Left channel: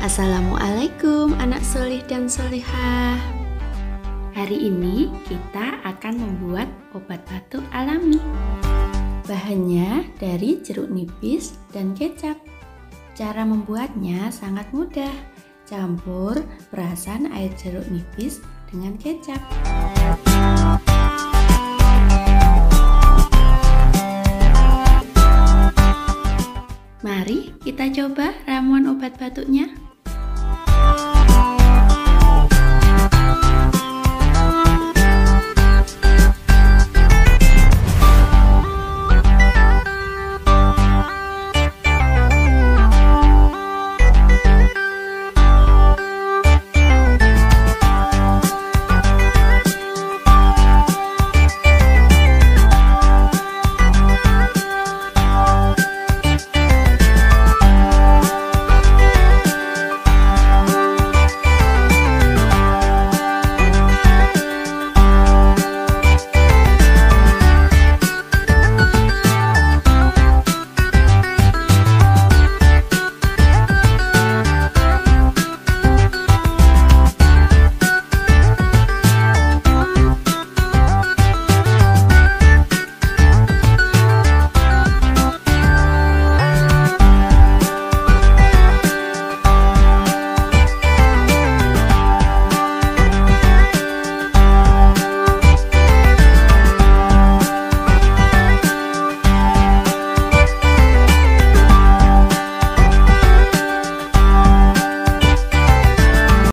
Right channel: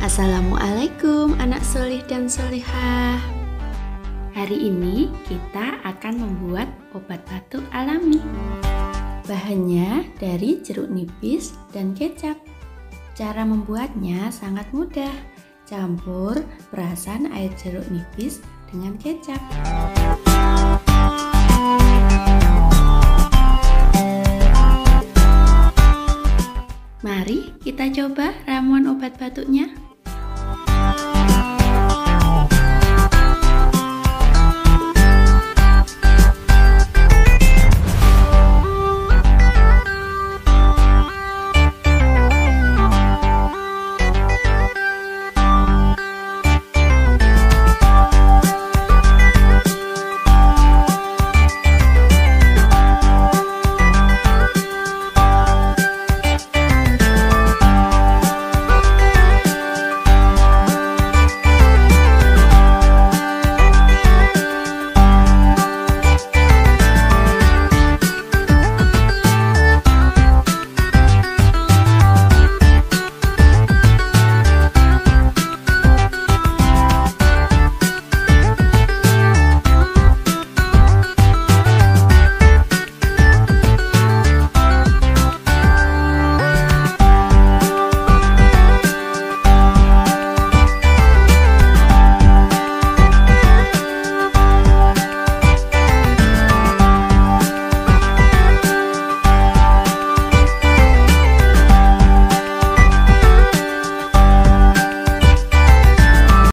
Assalamualaikum anak solih dan solihah. Hari ini kita akan membuat obat batuk alami. Bahannya dari jeruk nipis dan kecap. Cara membuatnya sangat mudah. Campur perasan air jeruk nipis dengan kecap. Mari kita coba ramuan obat batuknya.